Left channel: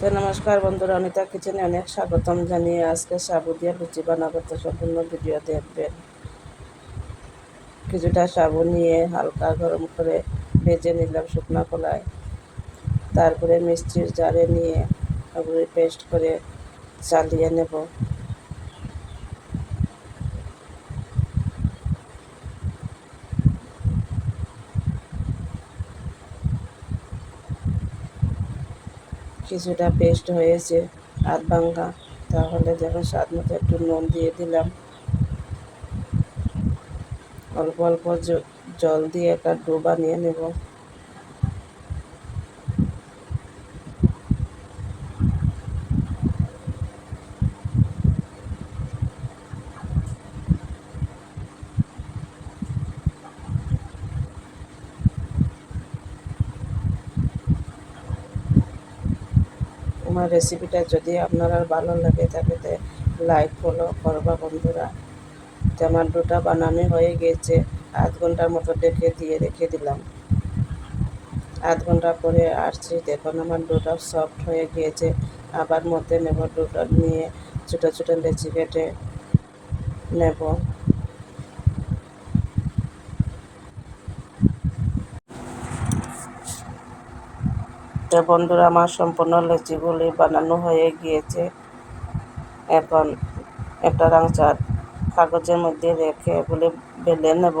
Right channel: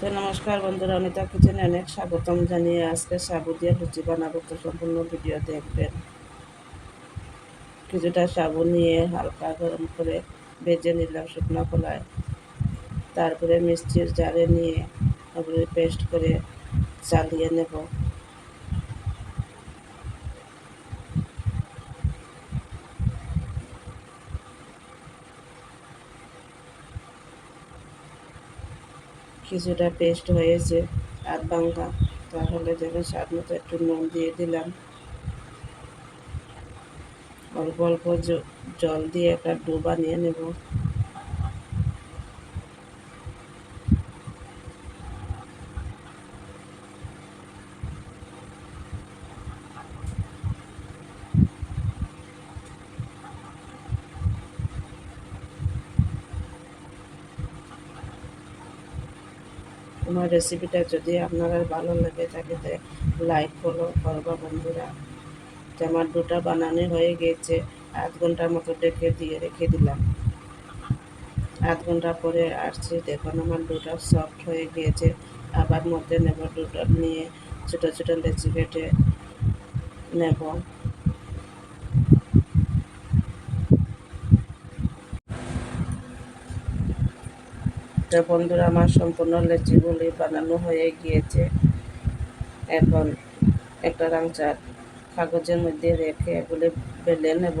তো নমস্কার বন্ধুরা, অনিতা কিচেনে অনেক স্বাগতম জানিয়ে আজকে সাবু দিয়ে লুচি বানাবো। তো সম্পূর্ণ ভিডিও দেখবেন। কিছুটা সাবু নিয়ে হালকা গরম করে ভেজে নিলাম শুকনো কলায়। তারপরে মিষ্টির জারে নিয়ে ওগুলি পেস্ট করে চালিয়ে নেব। কিছুটা পেস্ট হয়েছে আধ ভাঙ্গা। তাহলে যখন স্বাদ মতো একটু নুন দিয়ে দিলাম। অল্প অল্প জল দিয়ে একটা ডোবা নিয়ে নেব। আমার রেসিপিটা যদি আপনার ভালো লাগে থাকে লাইক ফলো করবা বন্ধুরা। তো আমার দুটা বানানো হয়ে গেছে, আধ ঘণ্টার মতো ডেকে দিয়ে রেখে দিলাম। আধ ঘণ্টা পরে আসছি, দেখুন আমার দুটা সফট হয়ে গিয়েছে আবার মধ্যে নেব দুটো নিয়ে ছোটো ছোটো লেচি কেটে নেব। তো বন্ধুরা আমার সম্পূর্ণ লেচিগুলি বানানো হয়ে গিয়েছে, এখন একটা রাংচার কাগজের মধ্যে রেখে এগুলি বেলে নেব।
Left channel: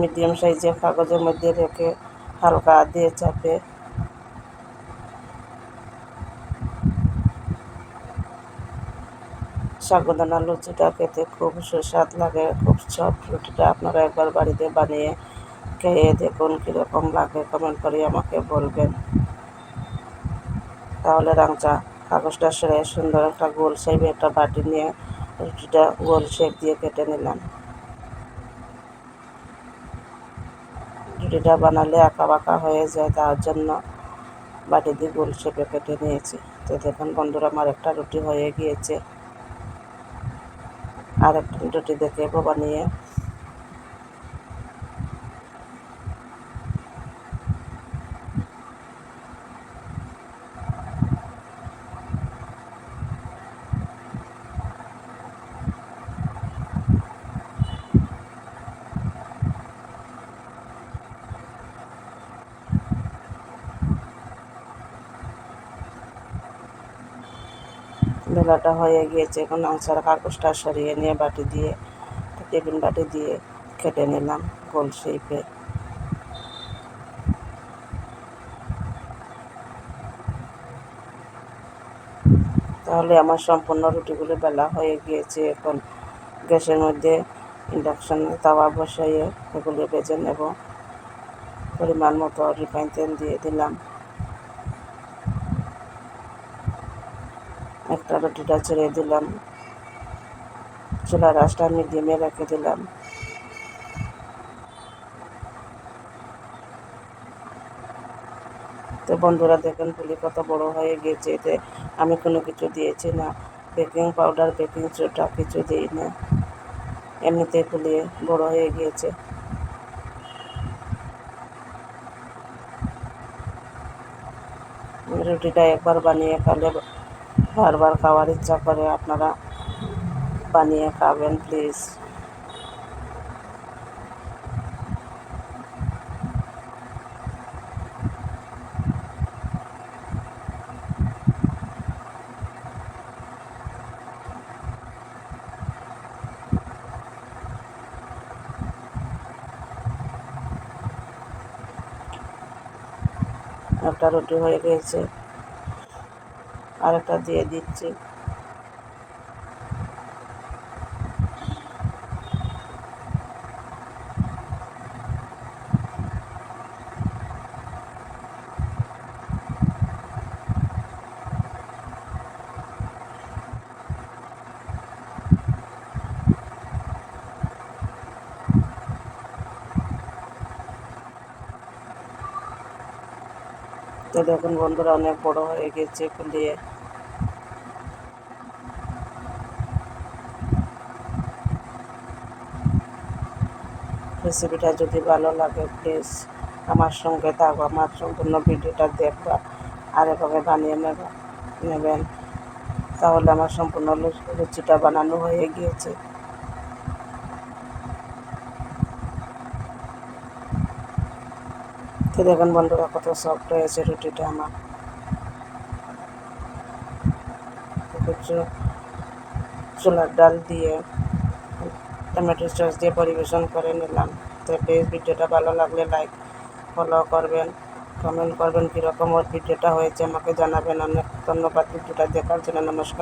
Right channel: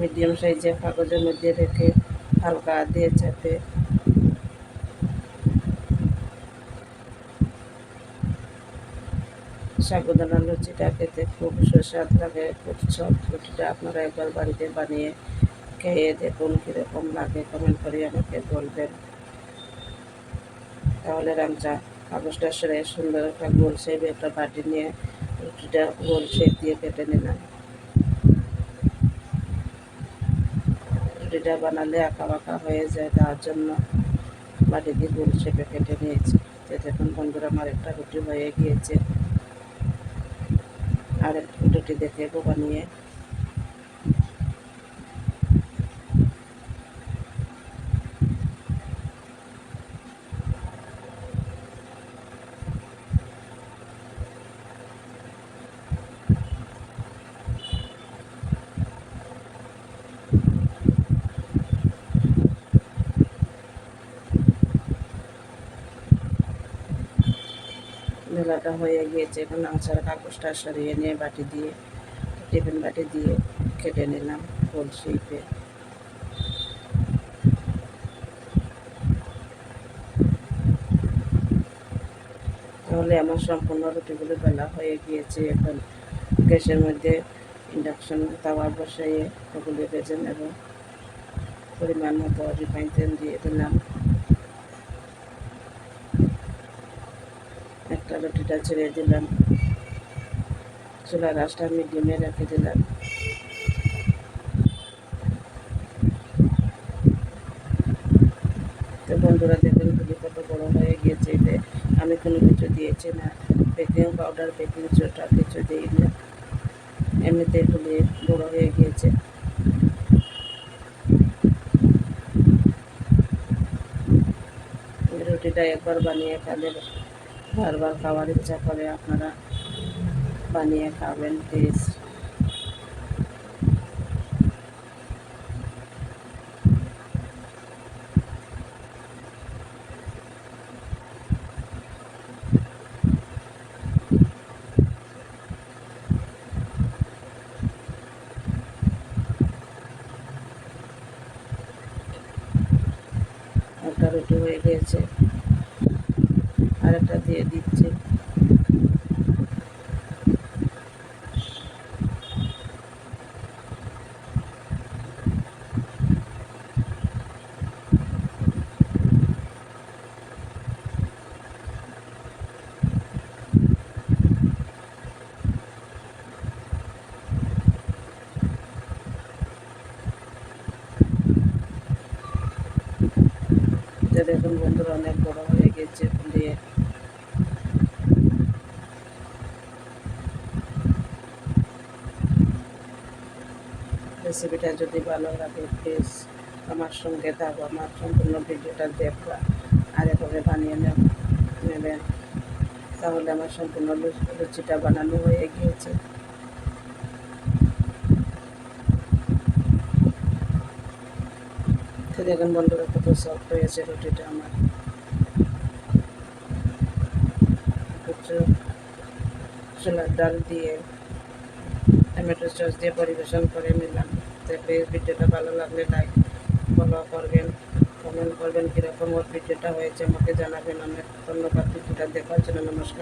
মিডিয়াম সাইজের কাগজের মধ্যে রেখে হালকা দিয়ে চাপে সাগুদানা লুচিটা খেতে খুব সুস্বাদ লাগে, খুব সব রুটিটা আপনারা একবার বাড়িতে বানিয়ে খেয়ে দেখুন কীরকম লাগে কমেন্ট করে আমাকে বলবেন। তাহলে রাংচা কাগজটা সেরে সুন্দর একটা গোল শেপে একটা বাটি নিয়ে রুটিটা গোল শেপ দিয়ে কেটে নিলাম। রুটিটা বানালে আঁকা বাঁকা হয়ে যায়, তার জন্য বাটি দিয়ে গোল শেপে কেটে নিয়েছি। তো দেখুন বন্ধুরা, আমার একটা রুটি হয়ে গিয়েছে। আর একটা রুটি দেখে বানিয়ে বেলাটা হয়ে গিয়েছে। এখন আংসার কাগজটা সরিয়ে নিয়ে বাটি দিয়ে, টিফিন বাটি দিয়ে কেটে নিলাম গোল শেপে। তাহলে আমার সম্পূর্ণ রুটিগুলো বেলা হয়ে গিয়েছে। এখন গ্যাসের মধ্যে ইন্ডাকশন, তাওয়া বসাইয়ে এগুলি বেজে নেব। পরিমাণ মতো রিফাইন তেল দিয়ে দিলাম একটা রুটিটা ছেড়ে দিলাম। চুলার রাসটা মিডিয়ামে রেখে দিলাম। তো বন্ধুরা দেখেন পুলি কত বড় হয়ে গিয়েছে। এতে আমি কোনো কিছু দিয়েছি না। বেকিং পাউডার, বেকিং সোডা কিছু দিই না এমনিতে ফুলিয়ে বড় হয়ে গিয়েছে। রুটিটা একবার বানিয়ে খালে বারবার খাওয়ার ইচ্ছা করে আপনারা বানিয়ে খাবেন প্লিজ একটা রুটি হয়ে গিয়েছে। আরেকটা দিয়ে দিচ্ছি। দেখুন বন্ধুরা অনেক বড় হয়ে গেছে ফুলিয়ে রেসিপিটা যদি ভালো লাগে প্লিজ আমার সঙ্গে থাকো, আমার সম্পূর্ণ ভিডিওটা দেখবা আর এভাবে বানিয়ে নেবে, নেবেন। তাহলে আমার সম্পূর্ণ লুচিটা বানানো হয়ে গিয়েছে। দেখুন বন্ধুরা, কত সফট হয়েছে রুটিটা আমার। ছোলার ডাল দিয়ে টমেটো সস দিয়ে পরিবেশন করে নিলাম। তো প্লিজ ভিডিওটা ভালো লাগলে লাইক ফলো করবেন কমেন্ট করবেন কীরকম ওর ভিডিওটা হয়েছে আমাকে জানাবেন। অনেক ধন্যবাদ ভিডিওটা দেখার জন্য, নমস্কার।